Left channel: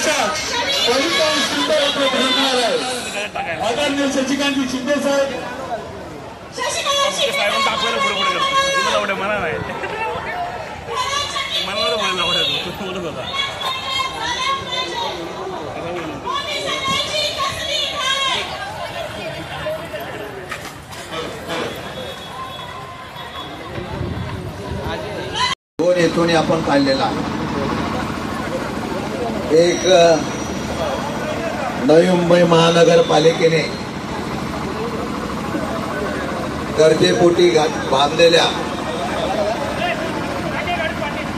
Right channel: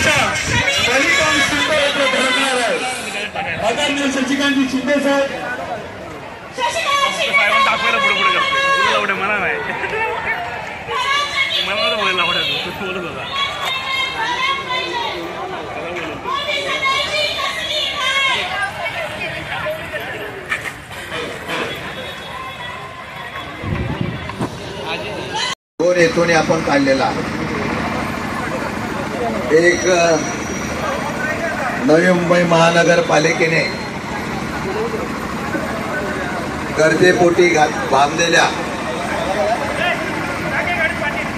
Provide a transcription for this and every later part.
अशा बालिकां सुंदर धरणार आहे आदरणीय शशिकांत शिंदे साहेब दोन हेतूने आपण काढलेला एक नवी मुंबई महानगरपालिकेने गरजेपोटी बांधलेल्या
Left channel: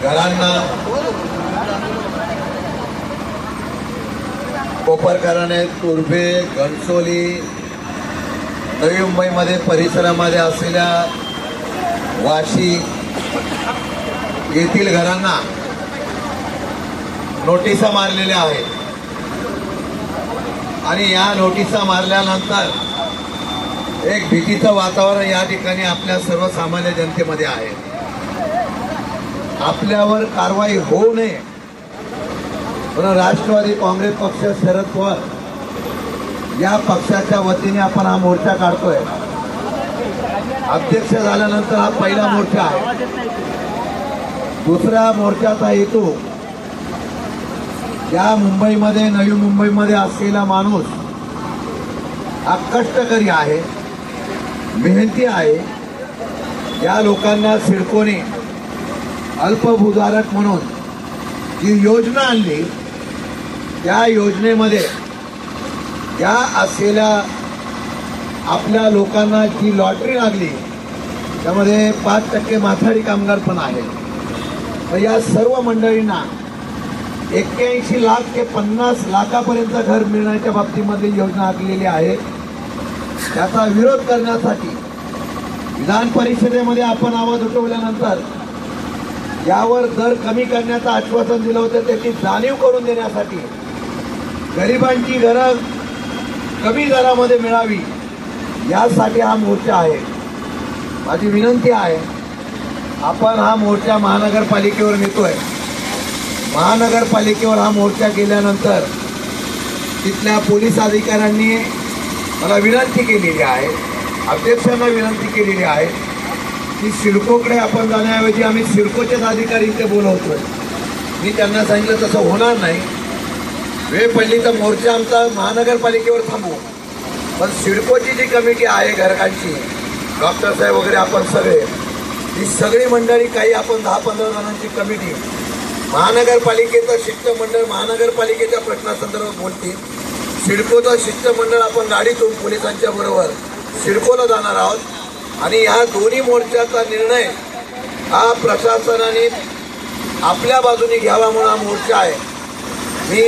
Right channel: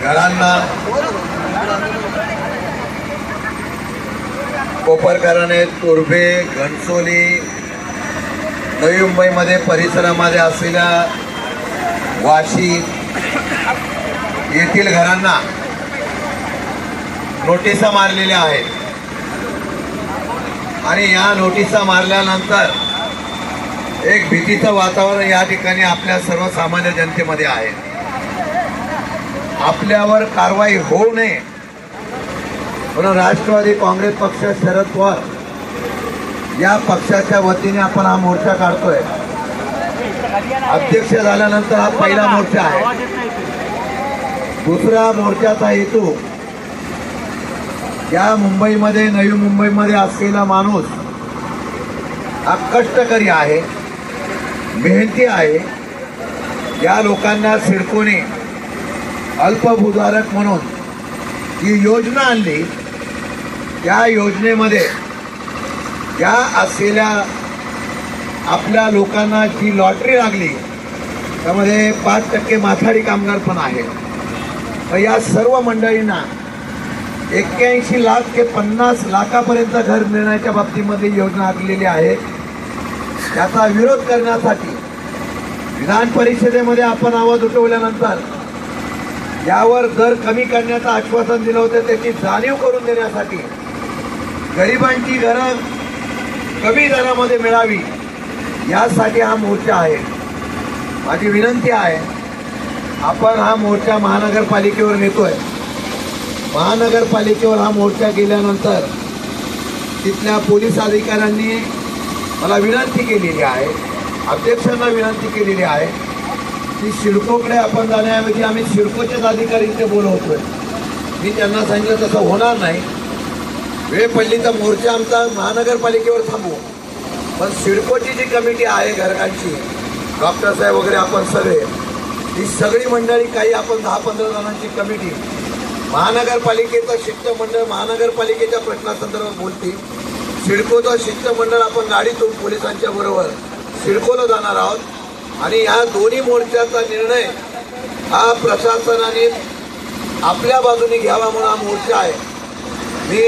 घरांना कोपरकराने, तुर्भे, घणसोली, नवी मुंबईमध्ये परिसरामध्ये असलेल्या वाशी येथील घरांना नोटिसा मारलेल्या आहेत आणि या नोटिसा मारल्यानंतर एक भीतीचं वातावरण या ठिकाणी आपल्या सर्वसामान्य जनतेमध्ये आहे। आपल्यावर कारवाई होऊ नये म्हणून राष्ट्रवादी काँग्रेस पक्ष, शरद पवार या पक्षाच्या वतीने आपण हा मोर्चा काढतोय। अध्यक्ष झाल्यानंतर हा पहिला मोर्चा आहे। दुसरा मोर्चाचा हेतू या मुंबईमध्ये, नवी मुंबईमध्ये असलेला माणूस हा कष्टकरी आहे, मेहनती आहे। या लोकांना सिडकोने अल्पभूधारक म्हणून जी योजना आणली, त्या योजनेमध्ये त्या असलेल्या आपल्या लोकांना जी लॉटरी लागली त्यामध्ये 5% माथाडी कामगार पण आहेत। या सर्व मंडळींना 81 लाख ते 50 लाखापर्यंत घर मिळण्याच्या बाबतीमध्ये योजना आखलेली आहे। त्याचा विरोध करण्यासाठी विधान परिषदेमध्ये आपण आवाज उठवल्यानंतर यावर दर कमी करण्याचं आश्वासन दिलं होतं, त्याची जाणीव करून देण्यासाठी गरिबांची घरं कमी दरामध्ये मिळावी यासाठी हा मोर्चा आहे। माझी विनंती आहे, आपण हा मोर्चा महानगरपालिकेवर नेतोय। महानगरपालिकेवर हा मोर्चा गेल्यानंतर तिथल्या पोलीस अधिकाऱ्यांनी मला विनंती केलेली आहे, अध्यक्षांना विनंती केलेली आहे की सिडकोकडे आपण जाण्याऐवजी आम्ही सिडकोचेच अधिकारी इथे बोलवतोय। मी त्यांना सांगितलं तसं होणार नाही, वेळ पडली तर मोर्चा आमचा महानगरपालिकेवर थांबवू, पण सिडकोची जी कमिटी आहे घरकांची, डॉक्टर साहेब वगैरे आपण सगळे, ही सगळी मंडळी, काही आपण 10-15 जणांची कमिटी महानगरपालिकेचं शिष्टमंडळ महानगरपालिकेच्या प्रश्नासंदर्भात बोलतील। सिडकोचं शिष्टमंडळ आपण गाडीतून पोलिसांच्या बरोबर सिडकोला जाणार आहोत आणि या दोन्ही मोर्चाचा निर्णय हा प्रशासनाने आपल्या बाजूने घ्यावा म्हणून हा मोर्चा आहे। मी